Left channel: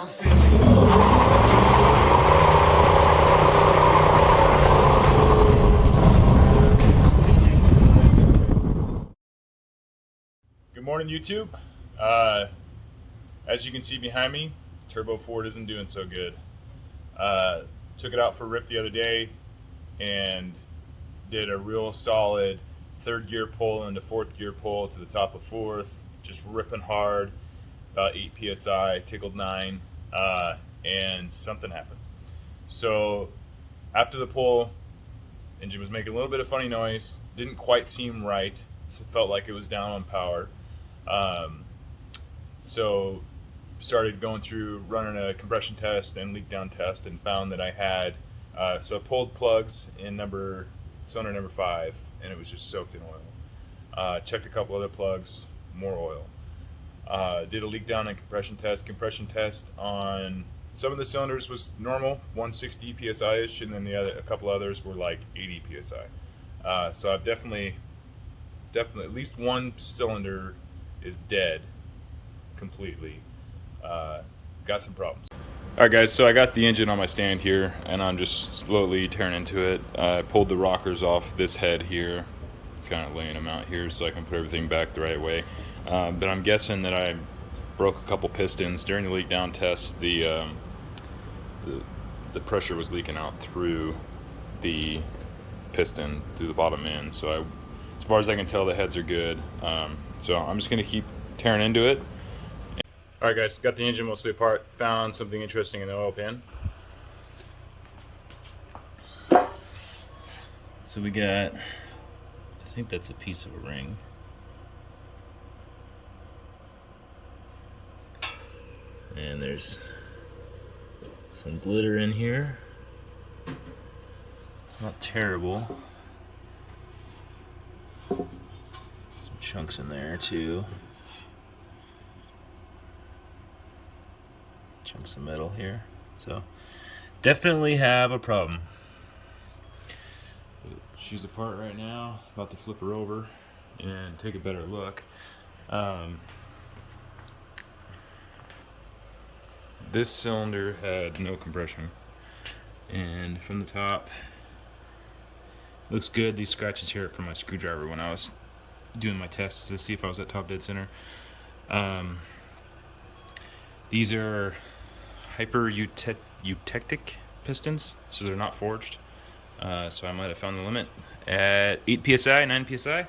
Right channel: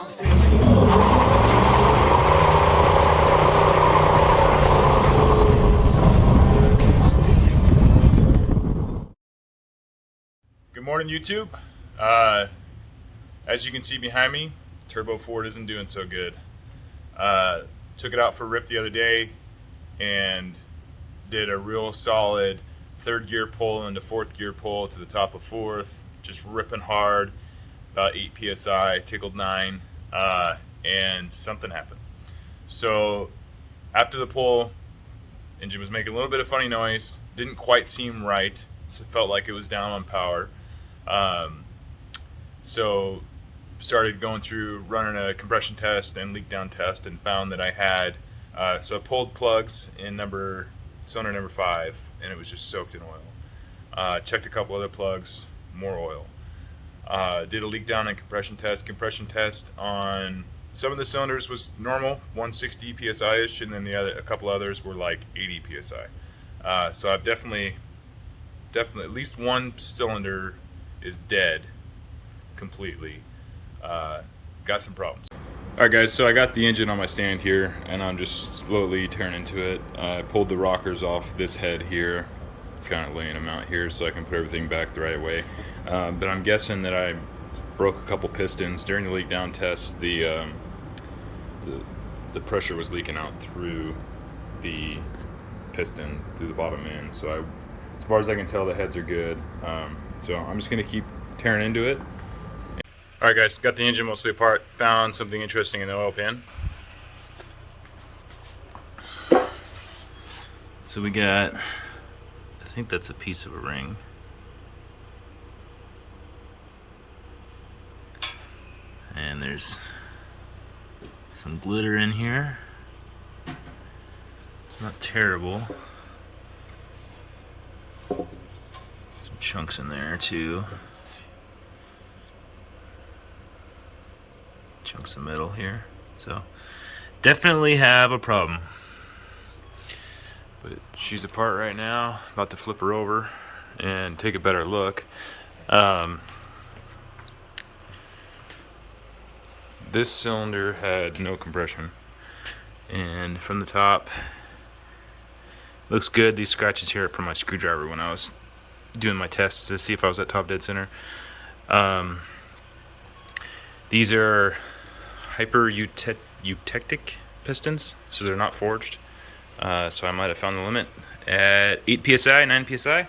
Good morning, YouTube. As you can see behind me, Turbo Ford isn't doing so good. Took it out for a rip the other day and did a real solid third gear pull into fourth gear pull to the top of fourth, just ripping hard, about 8 psi, tickled 9, and something happened. So after the pull, engine was making a little bit of funny noise, didn't quite seem right. It felt like it was down on power. So started going through running a compression test and leak down test, and found that I had so I pulled plugs in cylinder number 5, and it was just soaked in oil. Checked a couple other plugs, more oil. Did a leak down and compression test. Compression test on some of the cylinders was normal, 160 psi-ish, and then a couple others were like 80 psi. So I've definitely at least one cylinder is dead completely. Got some problems. Alright guys, so I got the engine on my stand here, and I'm just slowly turning to it. I pulled the rockers off this head here, kind of laying them out here so I can put everything back the right way. But I'm guessing that I broke a couple pistons during the leak down test. The pressure was leaking out through the piston, through the bottom end. So as far as I can tell, the heads are good. So I'm just gonna keep tearing into it. Alright guys, got the engine mostly apart. Found something interesting in the oil pan. So we got, I think that's a piece of a ring. And there's some glitter in here. It's not terrible. Some chunks in there too. Chunks of metal here. So definitely have a problem. But she's apart right now. About to flip her over and take a better look. This cylinder had no compression, and from the top looks good. These scratches here are from my screwdriver when I was doing my tests to see if I was at top dead center. These are hyper-eutectic pistons, so they're not forged. So I might have found the limit at 8 psi, 9 psi.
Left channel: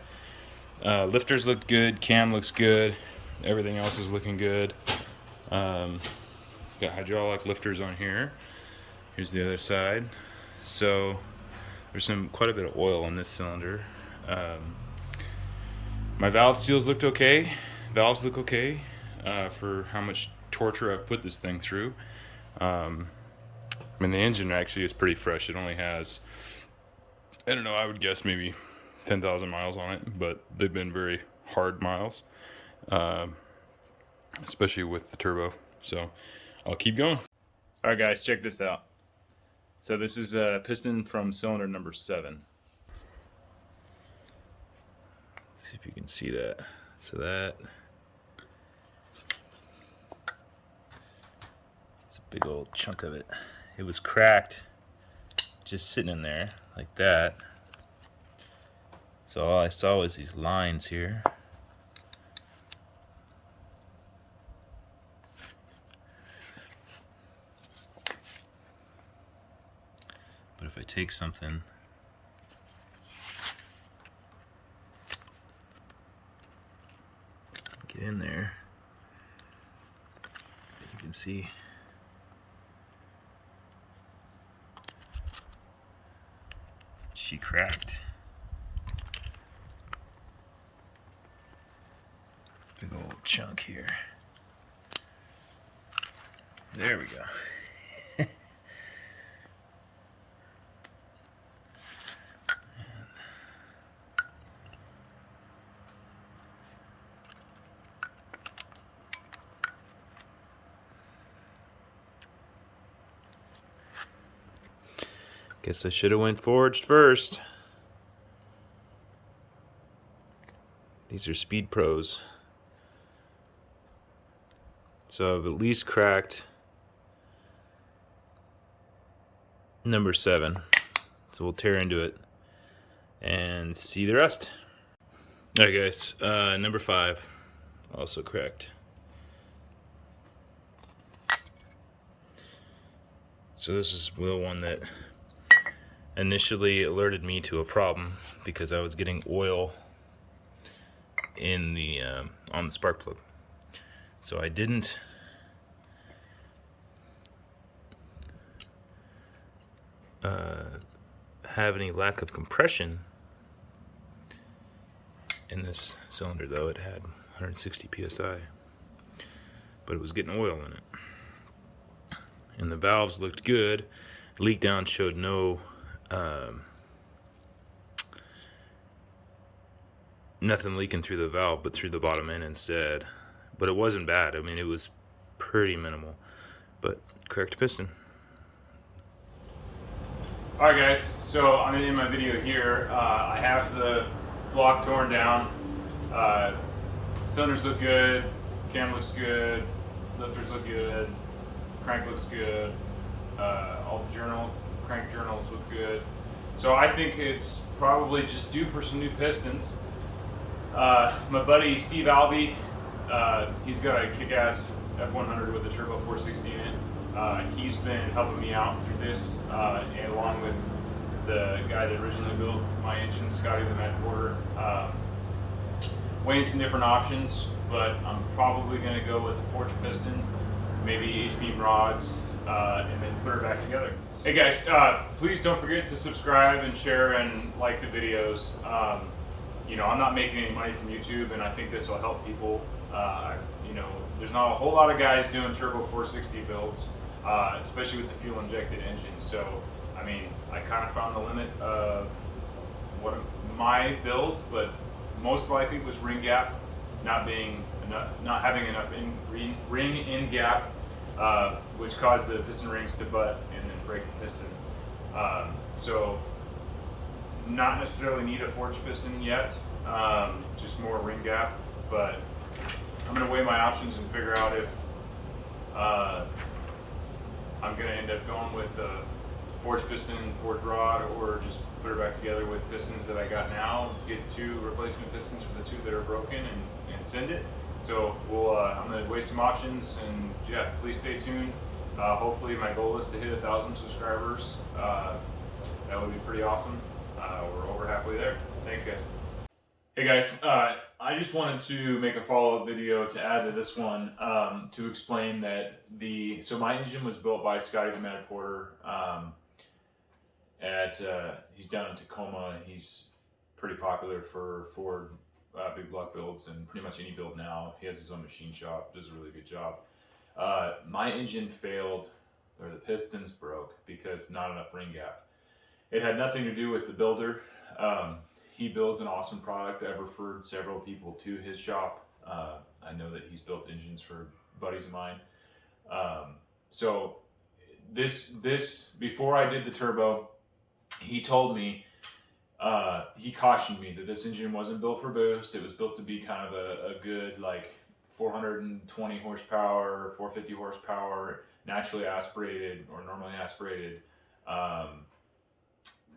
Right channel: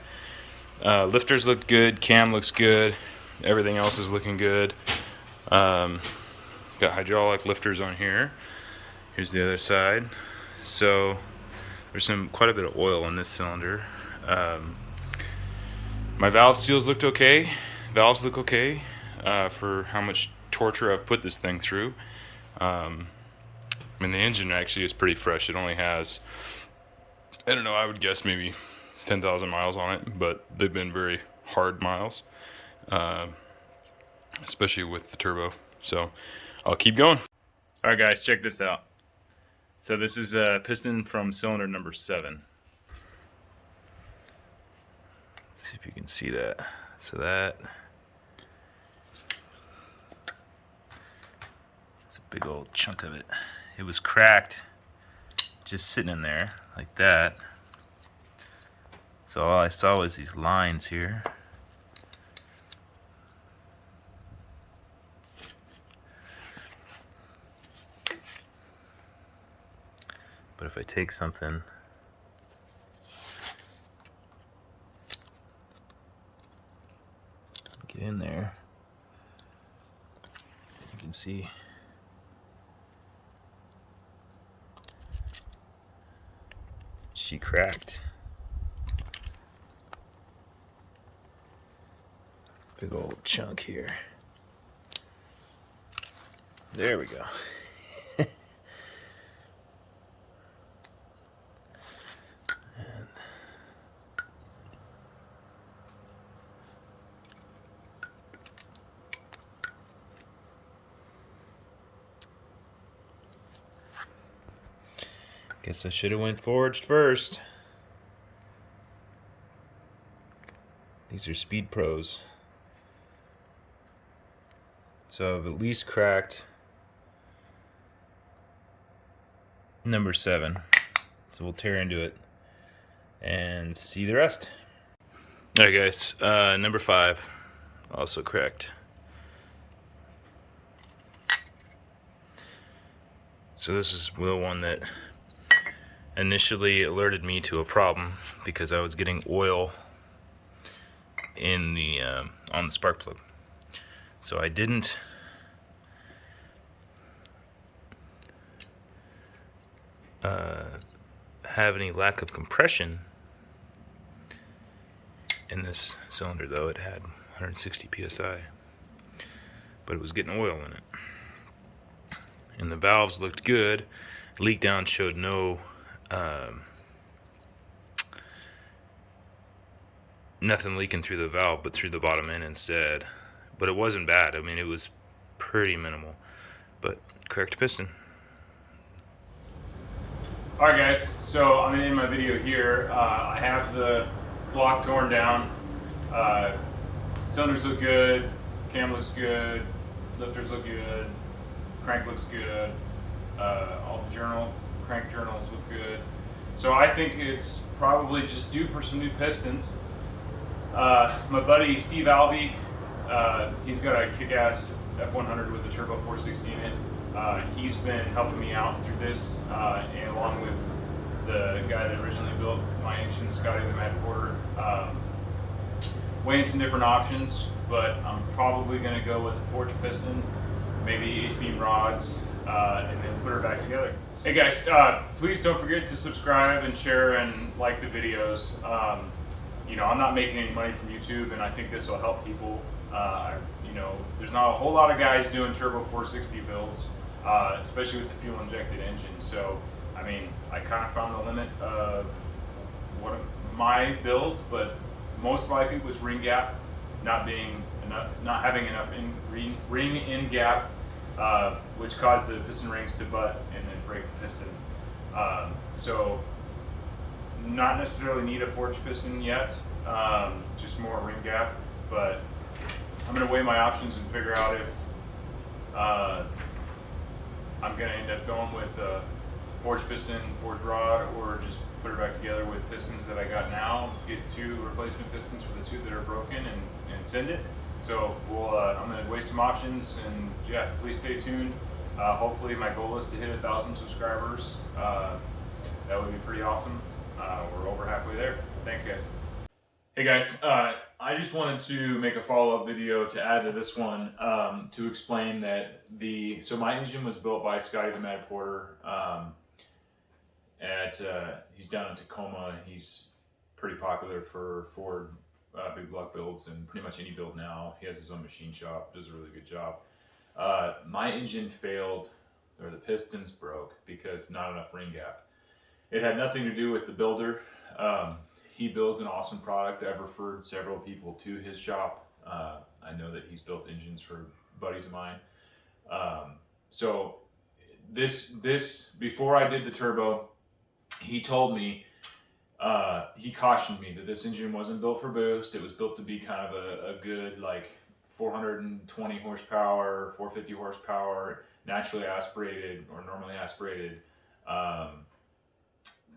Lifters look good, cam looks good, everything else is looking good. Got hydraulic lifters on here. Here's the other side. So there's quite a bit of oil in this cylinder. My valve seals looked okay. Valves look okay for how much torture I've put this thing through. I mean, the engine actually is pretty fresh. It only has, I don't know, I would guess maybe 10,000 miles on it, but they've been very hard miles, especially with the turbo. So I'll keep going. All right, guys, check this out. So this is a piston from cylinder number 7. Let's see if you can see that. So that's a big old chunk of it. It was cracked, just sitting in there like that. So all I saw was these lines here. But if I take something, get in there, you can see she cracked. Big old chunk here. There we go. Guess I should have went forged first. These are Speed Pros. So I've at least cracked number 7. So we'll tear into it and see the rest. All right, guys, number 5, also cracked. So this is the one that initially alerted me to a problem because I was getting oil in the on the spark plug. So I didn't have any lack of compression in this cylinder, though. It had 160 psi, but it was getting oil in it. And the valves looked good. Leak down showed no nothing leaking through the valve, but through the bottom end instead. But it wasn't bad. I mean, it was pretty minimal, but correct piston. Alright guys, so I'm going to end my video here. I have the block torn down. Cylinders look good, cam looks good, lifters look good, crank looks good, all the crank journals look good. So I think it's probably just due for some new pistons. My buddy Steve Alvey, he's got a kick-ass F100 with a turbo 460 in it. He's been helping me out through this, and along with the guy that originally built my engine, Scotty the Mad Porter, weighing some different options, but I'm probably going to go with a forged piston, maybe H-beam rods, and then put her back together. Hey guys, please don't forget to subscribe and share and like the videos. You know, I'm not making any money from YouTube, and I think this will help people. You know, there's not a whole lot of guys doing turbo 460 builds, especially with the fuel injected engine. So, I mean, I kind of found the limit of what my build, but most likely was ring gap, not having enough ring in gap, which caused the piston rings to butt and then break the piston. So, not necessarily need a forged piston yet, just more ring gap, but I'm going to weigh my options and figure out if I'm going to end up going with a forged piston, forged rod, or just put her back together with pistons that I got now, get 2 replacement pistons for the 2 that are broken, and send it. So I'm going to weigh some options, and yeah, please stay tuned. Hopefully my goal is to hit 1,000 subscribers. That would be pretty awesome. We're over halfway there. Thanks, guys. Hey guys, I just wanted to make a follow-up video to add to this one, to explain that so my engine was built by Scotty the Mad Porter. He's down in Tacoma. He's pretty popular for Ford big block builds and pretty much any build now. He has his own machine shop, does a really good job. My engine failed, or the pistons broke because not enough ring gap. It had nothing to do with the builder. He builds an awesome product. I've referred several people to his shop. I know that he's built engines for buddies of mine. So before I did the turbo, he told me, he cautioned me that this engine wasn't built for boost. It was built to be kind of a good, like 420 horsepower, 450 horsepower, naturally aspirated or normally aspirated,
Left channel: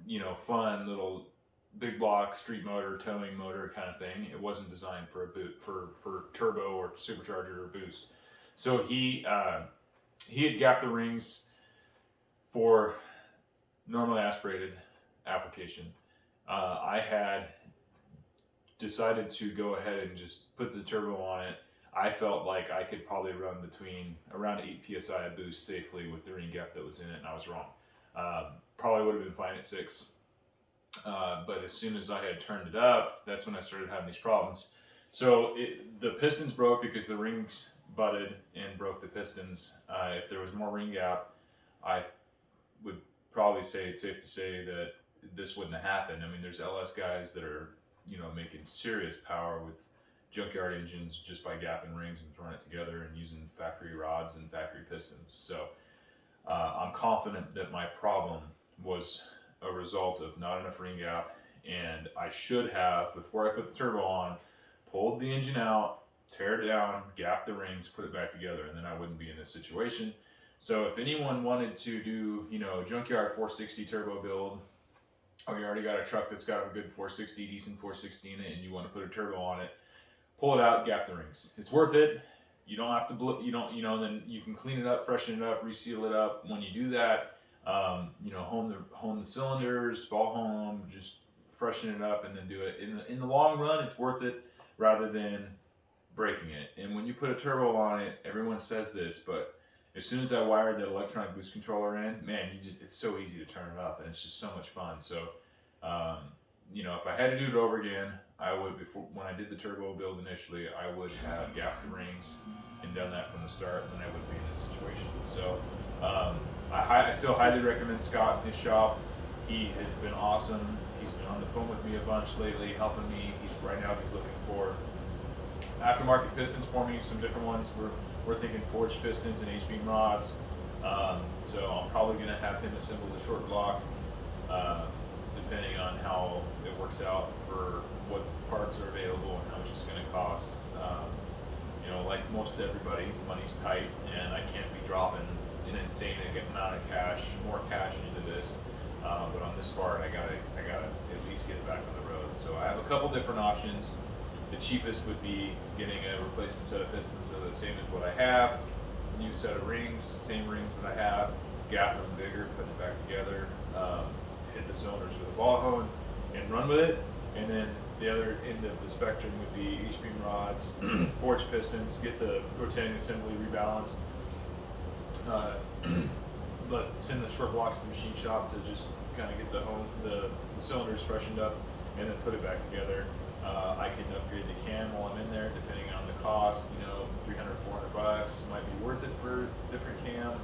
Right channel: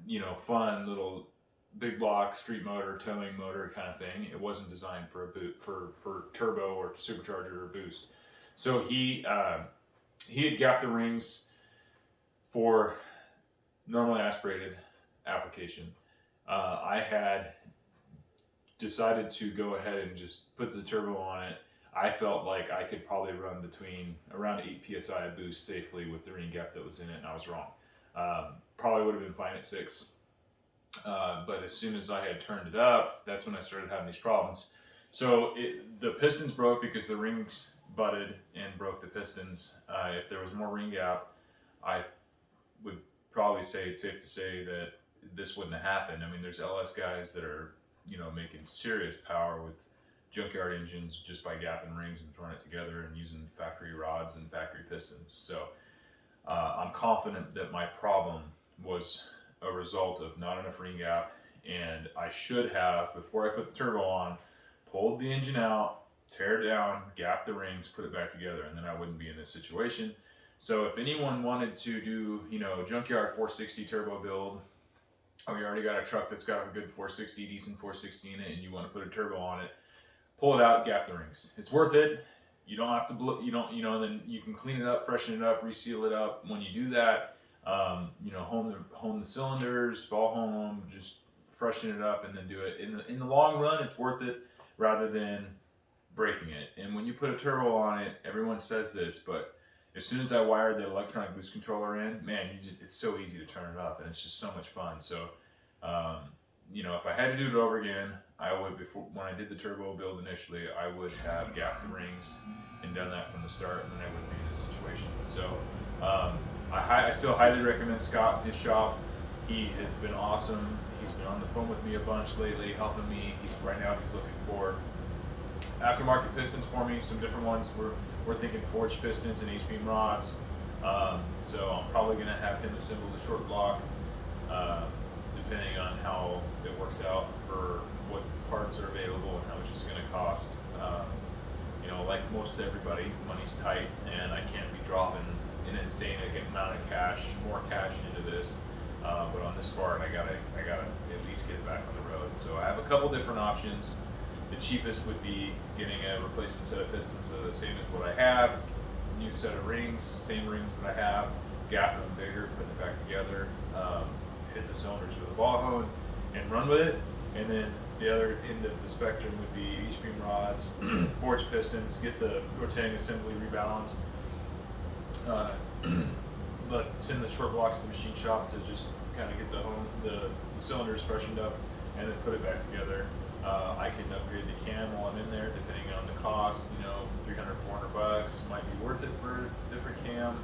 you know, fun little big block street motor, towing motor kind of thing. It wasn't designed for for turbo or supercharger or boost. So he had gapped the rings for normally aspirated application. I had decided to go ahead and just put the turbo on it. I felt like I could probably run between around 8 psi of boost safely with the ring gap that was in it, and I was wrong. Probably would have been fine at 6. But as soon as I had turned it up, that's when I started having these problems. So the pistons broke because the rings butted and broke the pistons. If there was more ring gap, I would probably say it's safe to say that this wouldn't have happened. I mean, there's LS guys that are, you know, making serious power with junkyard engines just by gapping rings and throwing it together and using factory rods and factory pistons. So I'm confident that my problem was a result of not enough ring gap, and I should have, before I put the turbo on, pulled the engine out, tear it down, gap the rings, put it back together, and then I wouldn't be in this situation. So if anyone wanted to do, you know, junkyard 460 turbo build, or you already got a truck that's got a good 460, decent 460 in it, and you want to put a turbo on it, pull it out, gap the rings. It's worth it. You don't have to, then you can clean it up, freshen it up, reseal it up. When you do that, you know, hone the cylinders, ball hone them, just freshen it up, and then do it. In the long run, it's worth it rather than breaking it. And when you put a turbo on it, everyone says this, but as soon as I wired the electronic boost controller in, man, it's so easy to turn it up, and it's just so much fun. So, you know, if I had to do it over again, I would, when I did the turbo build initially, I would have gapped the rings and done that from the start, and then I wouldn't be in this situation. So, I still highly recommend Scott and his shop. He has been awesome. He's been on the phone with me a bunch lately, helping me. Right now he's looking for aftermarket pistons for me, some different ones. We're thinking forged pistons and H-beam rods. So I'm probably going to have him assemble the short block, depending on how it works out for what parts are available and how much it's going to cost. You know, like most everybody, money's tight, and I can't be dropping an insane amount of cash, more cash into this. But on this part, I gotta at least get it back on the road. So I have a couple different options. The cheapest would be getting a replacement set of pistons, so the same as what I have, new set of rings, same rings that I have, gap them bigger, putting it back together, hit the cylinders with a ball hone, and run with it. And then the other end of the spectrum would be H-beam rods, forged pistons, get the rotating assembly rebalanced, but send the short blocks to the machine shop to just kind of get the cylinders freshened up, and then put it back together. I can upgrade the cam while I'm in there, depending on the cost. You know, $300-400 might be worth it for a different cam.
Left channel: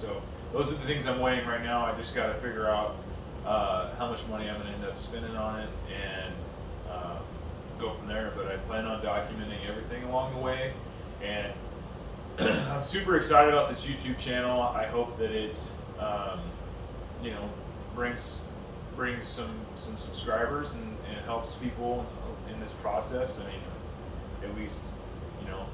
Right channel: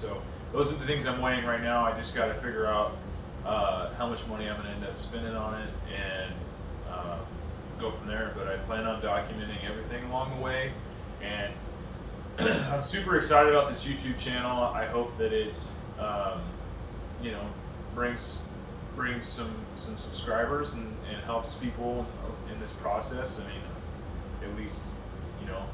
So those are the things I'm weighing right now. I just got to figure out how much money I'm going to end up spending on it, and go from there. But I plan on documenting everything along the way, and I'm super excited about this YouTube channel. I hope that it, you know, brings some subscribers and helps people in this process. I mean, at least, you know,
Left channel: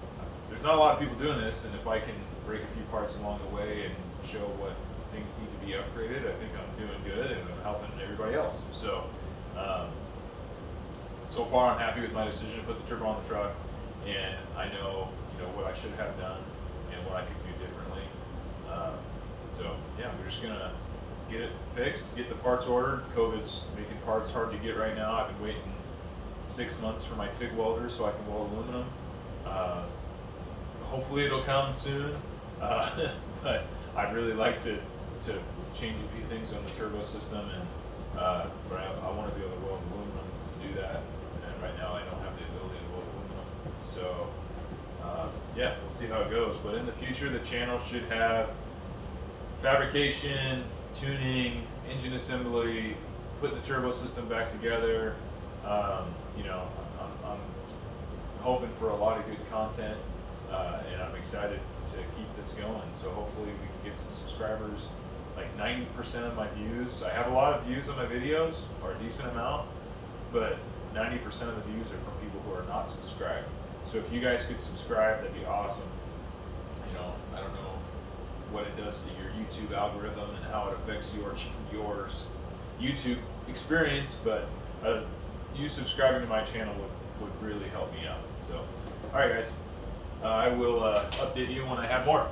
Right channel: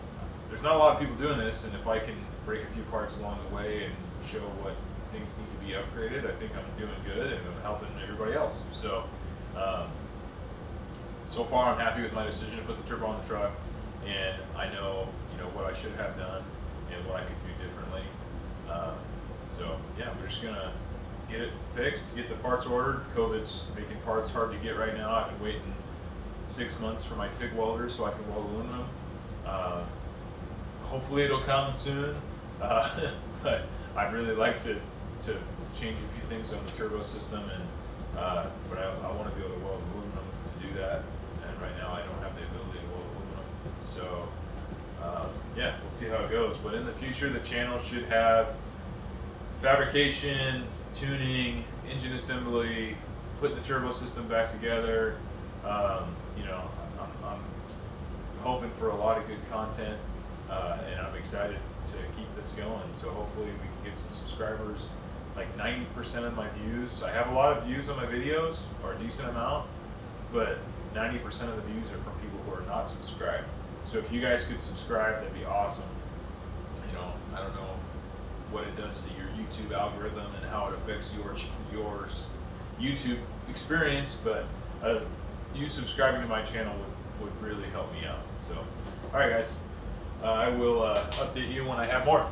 there's not a lot of people doing this, and if I can break a few parts along the way and show what things need to be upgraded, I think I'm doing good and I'm helping everybody else. So, so far I'm happy with my decision to put the turbo on the truck, and I know, you know, what I should have done and what I could do differently. So yeah, we're just gonna get it fixed, get the parts ordered. COVID's making parts hard to get right now. I've been waiting 6 months for my TIG welder so I can weld aluminum. Hopefully it'll come soon, but I'd really like to change a few things on the turbo system, and but I want to be able to weld aluminum to do that, and right now I don't have the ability to weld aluminum. So yeah, we'll see how it goes. But in the future, the channel should have fabrication, tuning, engine assembly, putting the turbo system back together. You know, I'm hoping for a lot of good content, and I'm excited to keep this going. So hopefully we can get some subscribers. Like 90% of my views, I have a lot of views on my videos, or a decent amount, but 90% of the views are from people who are not subscribed. So if you guys could subscribe, that'd be awesome. You know, I don't know what it does to your YouTube algorithm and how it affects your YouTube experience, but you subscribing to my channel would really help me out. So, all right, guys, I will update you when I have more.